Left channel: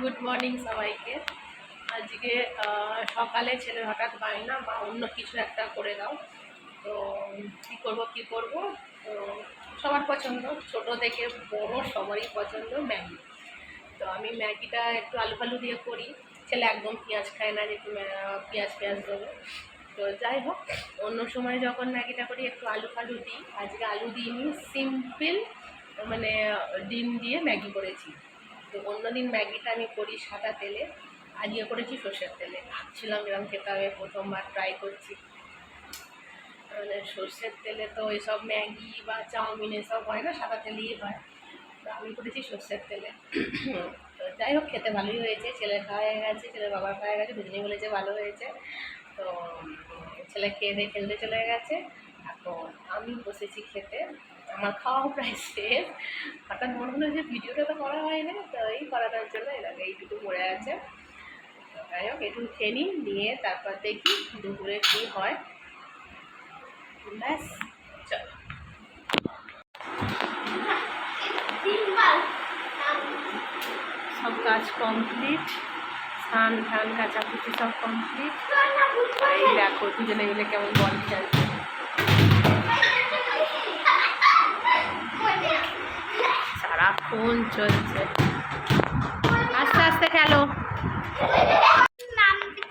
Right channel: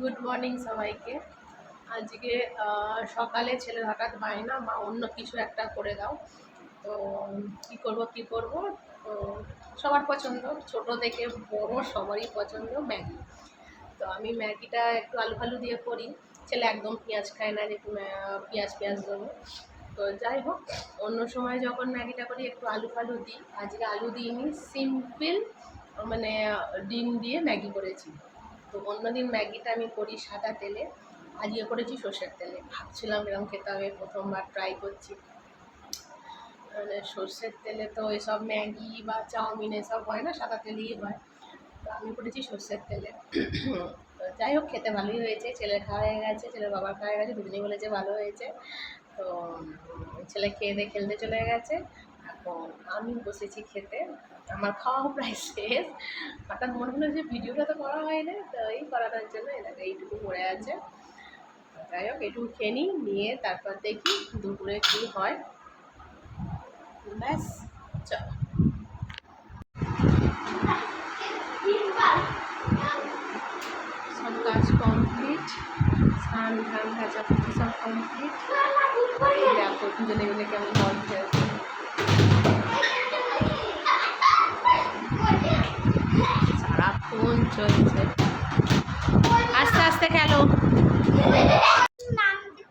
Good morning সবাইকে। আজকে সকালে ছেলের হঠাৎ বায়না, মা অন্য কিছু একটা করে দাও। তো কি করব। তো সবার পছন্দ, ছোট থেকে বড় সবারই পছন্দ ম্যাগি। তো আমি ম্যাগিটা একটু আলু ফালু দিয়ে করি। ছেলে একদম পেঁয়াজ খায় না, যে পেঁয়াজ দেবো। তো যাই হোক, অন্য সময় যখন ম্যাগিটা করি একটু আলু ফালু দিই। আজকে আলু দিইনি, সিম্পল মানে ডিম দিয়ে ম্যাগি করেছি। তো অন্যদিন ম্যাগিটা আমি করি সাদা তেলে, আজকে করেছি সর্ষের তেলে। ভাবছিলাম এরকম খেতে হবে, প্রথমবার ট্রাই করছি। মানে সর্ষের তেলে তো এসব ম্যাগি বা চাউমিন এসব হয় না, সাদা তেলেই হয়। তো আমি করেছি সর্ষের তেলে। তো যাই হোক, খেতে ভালোই হয়েছে। ছেলের খাওয়া হয়ে গেছে, ছেলের বাবার খাওয়া হয়ে গেছে, দুজনেই বলেছে ভালো হয়েছে। তো ছেলে খেয়ে দিয়ে খেলতে চলে গেছে। এখন আমি বসেছি খেতে, আমার খাওয়াও প্রায় শেষ। হঠাৎ মনে হলো যে ভিডিওটা তো করা হয় না, তো এই করানোর জন্য এইটুকু পড়ে আছে। যাই হোক, একটু খেয়ে নিয়ে তারপর দেখি দুপুরে কী হয়। ব্যাস, চলো। সব কাজ কমপ্লিট, স্নান ধান কাচাকুচি সব কমপ্লিট। এই দেখো দুজনে মিলে কেমন বল খেলছে। সারাক্ষণ চলছে, আস্তে আস্তে খেলো।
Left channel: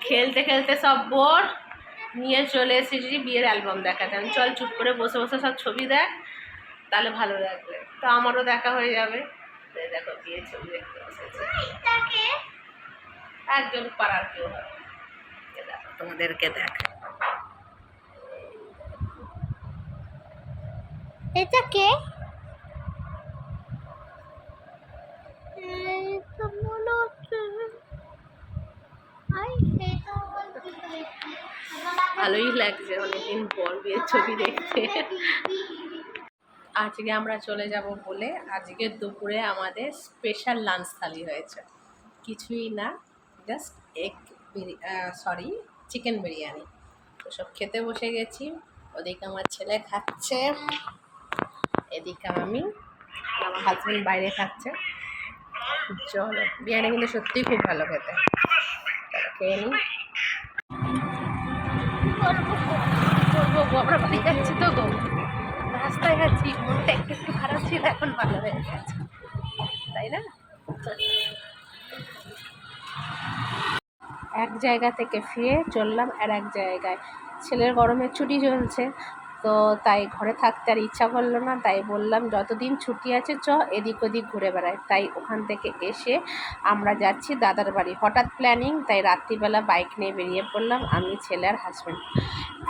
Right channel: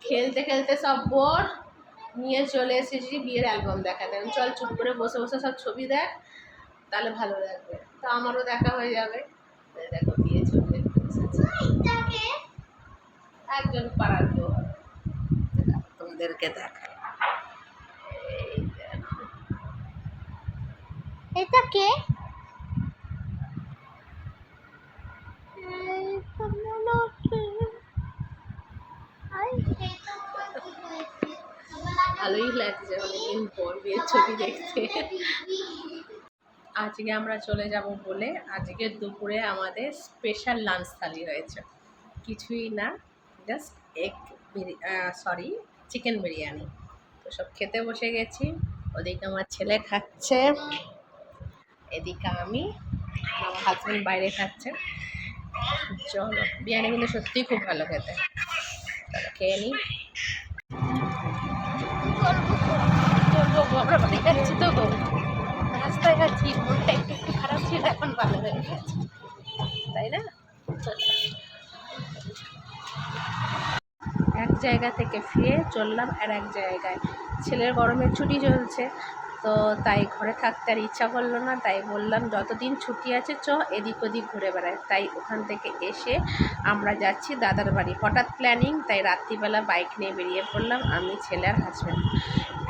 খেলতে খেলতে সব বোর, নিয়ে চলে এসেছি বিয়ের অ্যালবাম দেখাতে। আমি চল চুপ করে বসে বসে সব ছবি দেখ, তাহলে ভালো লাগবে। তো আমারও দেখা হয়ে যাবে। দেখো বিয়ে ছবি দেখতে এসেছি, একজন পাড়ার কেউ হবে। তোমাদেরকে দেখ, এটা কে? ভালোই লাগছে অনেকদিন পর বিয়ের ছবি দেখতে। আজকে আমরা চলে যাব বলে আজকে দুপুরে আমাদের স্পেশাল লাঞ্চ থালি হয়েছে। কিছুই না, জাস্ট চিকেন বিরিয়ানি। তো সব খেতে বসে গেছি। ওদিকে আমার ছেলে খাচ্ছে, এদিকে আমি, আমার হাজব্যান্ড বাইরে খাচ্ছে। চলো, বিরিয়ানি কিন্তু সত্যিই খুব ভালো খেতে। চলো খেয়ে নিই। করবো গো, আমরা বাড়ি যাচ্ছি তো গো, রাস্তায় যাচ্ছি। মনটা একটু একটু খারাপ ছিল, এখন ভালো হয়ে গেছে, তাই না? এক জায়গা থেকে ফিরে চললাম আর এক জায়গায়। ছেলের গরমের ছুটি চলছে, তো তাই ঘরে থাকতে আর ইচ্ছা করলো না। তাই বললাম যতদিন ছুটি আছে চ এদিক ওদিক ঘুরে বেড়ায়। তাই ওখান থেকে এসে আমরা যাচ্ছি দাদার বাড়ি। হঠাৎ প্ল্যানিং, তাই রাত্রিবেলা বাইক নিয়ে বেরিয়ে পড়লাম, আমি, ছেলে আর হাজব্যান্ড।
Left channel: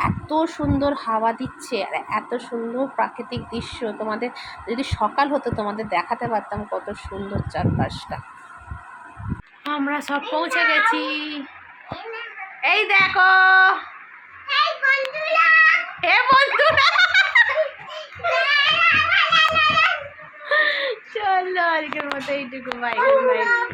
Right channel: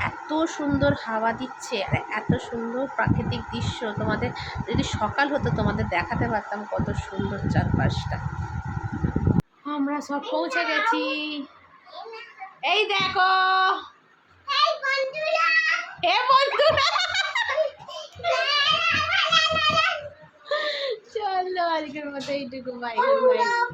এত সুন্দর হাওয়া দিচ্ছে আর এত সুন্দর প্রাকৃতিক দৃশ্য, তোমাদের যদি সকাল হতো তোমাদের দেখাতে পারতাম কত সুন্দর চারপাশটা। আমরা সব পৌঁছে গেছি, এই দেখো। চলো আজকের মতো এইটুকু, বাই, গুড নাইট।